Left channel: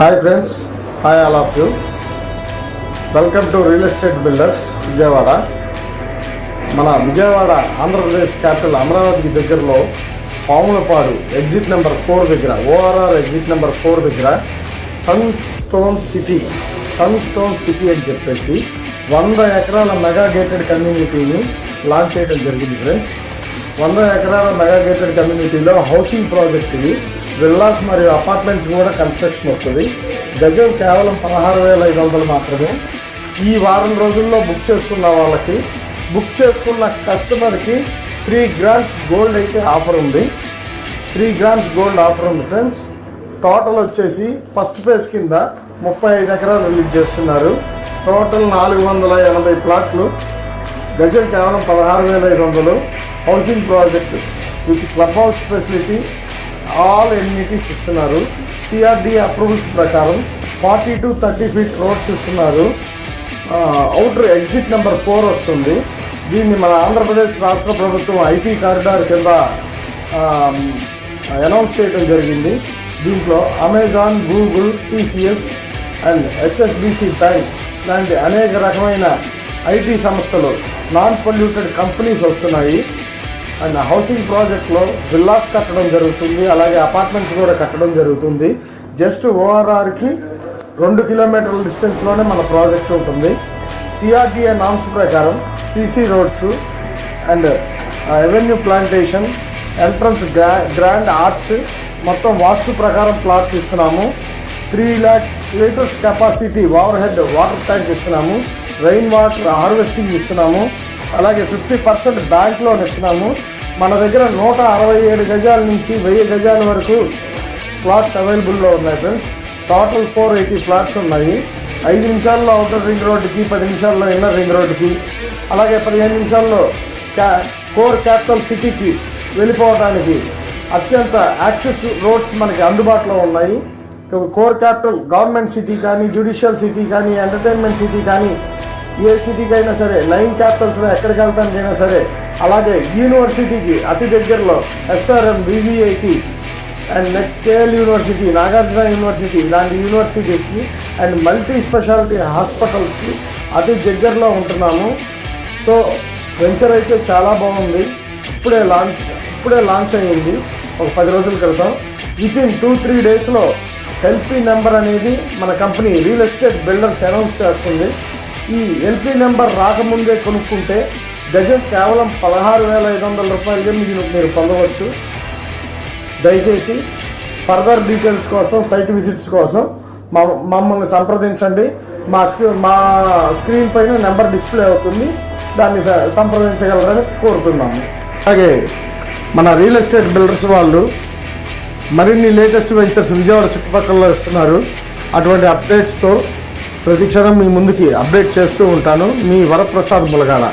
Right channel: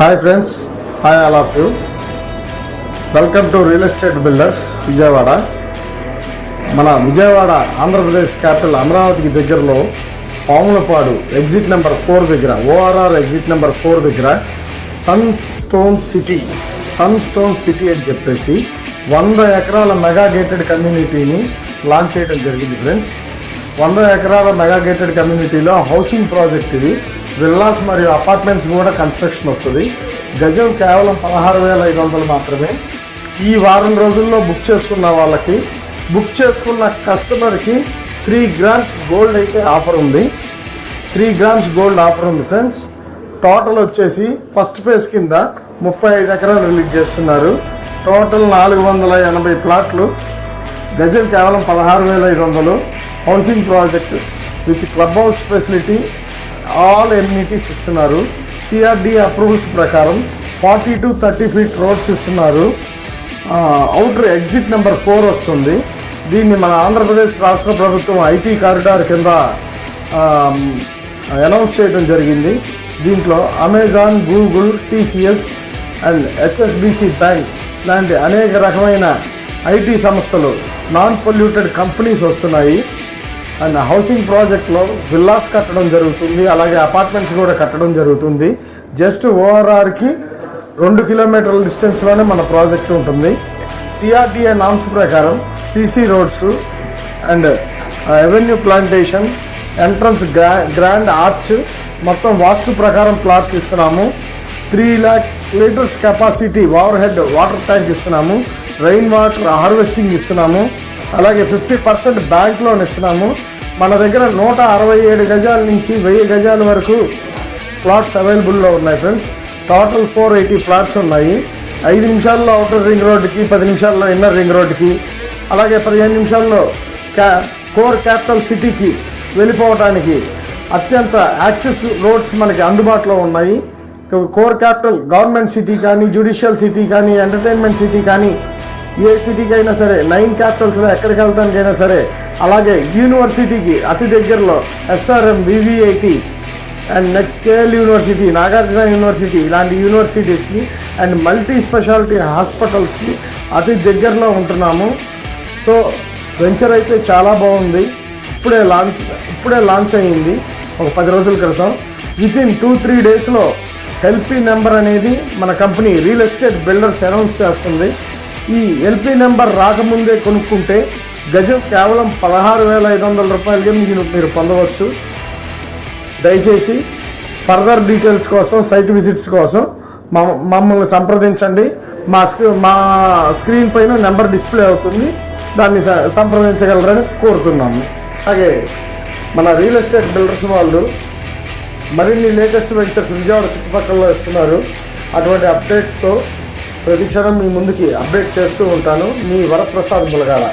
Hi friends, hi all of you. Welcome to real estate builders Vijayawada. మన Vijayawada Andhra Pradesh capital అమరావతికి దగ్గరలో Pamulapadu exit number 4 దగ్గర, ORR exit number 4 దగ్గర sun stone city అని చెప్పేసి 100 ఎకరాల మెగా గేటెడ్ కమ్యూనిటీని లాంచ్ చేయడం జరిగింది ఫ్రెండ్స్. 100 ఎకరాల మెగా గేటెడ్ కమ్యూనిటీలో హౌసింగ్ ప్రాజెక్ట్ ఇది. విల్లాస్ మరియు అపార్ట్మెంట్స్ కూడా కన్స్ట్రక్షన్ వస్తుంది. గజం కేవలం 16,500 మాత్రమే. ఈ వారం రోజుల్లో బుక్ చేసుకున్న వాళ్ళకి, బుక్ చేసుకున్న కస్టమర్ కి 3 grams గోల్డ్ అయితే ఆఫర్ ఉంది. 3 grams గోల్డ్ ఆఫర్ ఉంది ఫ్రెండ్స్. టోటల్ వచ్చేసి ఫస్ట్ ఫేజ్ కింద 35 ఎకరాలు రిలీజ్ చేస్తున్నారు. టోటల్ 480 ప్లాట్లు. గజం కేవలం 16,500. Housing project with club house facility, all amenities ఇస్తున్నారు. సిఆర్డి అప్రూవల్స్ ప్రకారం 40 to 30 feet రోడ్స్ ఇస్తున్నారు. అవుటర్ ఎగ్జిట్ నెంబర్ 4 వస్తుంది. దీన్ని మన ఆంధ్రప్రదేశ్ రాష్ట్ర ప్రభుత్వం ఐటీ కారిడార్ కింద అనౌన్స్ చేయడం జరిగింది. దీంట్లో Amazon, Google, TCS and HSBC bank లాంటి అనేక రకమైన ఐటీ సంస్థలు, నాన్ పొల్యూటెడ్ కంపెనీస్ వస్తున్నాయి. అండ్ హౌసింగ్ ప్రాజెక్ట్ లో విల్లాస్ కట్టడం జరుగుతుంది, అలాగే అపార్ట్మెంట్స్ కూడా కట్టడం జరుగుతుంది. జస్ట్ ఓఆర్ఆర్ కి 2 kilometerల డిస్టెన్స్ లోనే మన ప్రాజెక్ట్ ఉంటుంది. సిఆర్డిఏ నామ్స్ ప్రకారం CC roads and avenue plantation, entrance grand arch, మొత్తం వాస్తు ప్రకారం ప్లాట్స్ ఇస్తున్నాము. 3 lakh liters capacity over head water tank ఇస్తున్నాము. రెయిన్ వాటర్ హార్వెస్టింగ్ ఇస్తున్నాము. అలాగే 50% బ్యాంక్ లోన్ ఇస్తున్నాము. మన దగ్గర 167 గజాల నుంచి 1000 గజాల వరకు ఫ్లాట్స్ అవైలబుల్ లో ఉన్నాయి ఫ్రెండ్స్. టోటల్ 480 ఫ్లాట్స్ ఉన్నాయి. 5 నిమిషాల్లో అవుటర్ రింగ్ రోడ్డుకి, 10 నిమిషాల్లో ఇన్నర్ రింగ్ రోడ్డుకి, అలాగే 15 నిమిషాల్లో కోర్ క్యాపిటల్ సిటీకి వెళ్ళిపోవడానికి అత్యంత యాక్సెస్ రోడ్స్ మనకి అందుబాటులో ఉన్నాయి. కోర్ క్యాపిటల్ గవర్నమెంట్ సిటీ కానీ, జ్యుడిషియల్ సిటీ కానీ, ఎంటర్టైన్మెంట్ సిటీ కానీ, ఏ సిటీకి అయినా సరే, 9 క్యాపిటల్స్ లో ఎక్కడికి వెళ్తానికైనా సరే, అలాగే యూనివర్సిటీకి అతి దగ్గరలో SRM, VVIT and next KL university, Nagarjuna university, ఇలాంటి యూనివర్సిటీస్ కి అండ్ మల్టీ స్పెషాలిటీ హాస్పిటల్స్ కి అతి దగ్గరలో ఉంటున్నాము. సో వెంచర్ అయితే చాలా బాగుంది. ఇప్పుడే లాంచ్ అయ్యింది ఒక 10 రోజుల క్రితం. విత్ ఇన్ 2-3 days లో ఎల్పీ నెంబర్ అనేది మన company real estate builders announce చేస్తుంది. ఈ ఎల్పీ నెంబర్ రాకముందే కొనుక్కుంటే గజం కేవలం 16,500 రూపాయలకే మీరు పొందవచ్చు. దయచేసి ఫర్దర్ డీటెయిల్స్ కోసం, సైట్ విజిట్స్ కోసం మమ్మల్ని సంప్రదించండి. మా స్క్రీన్ పైన నెంబర్ డిస్ప్లే అవుతుంది, దాన్ని సంప్రదించగలరని కోరుతున్నాము. అలాగే మన రియల్ ఎస్టేట్ బిల్డర్స్ వాళ్ళు మరిన్ని లేటెస్ట్ వెంచర్స్ విజయవాడ చుట్టుపక్కల ఇస్తున్నారు. అటువంటి అప్డేట్స్ తో ప్రతి క్షణం మీ ముందుకి అప్డేట్ చేస్తూ ఉంటాను. మీ వరప్రసాద్ ములగాల.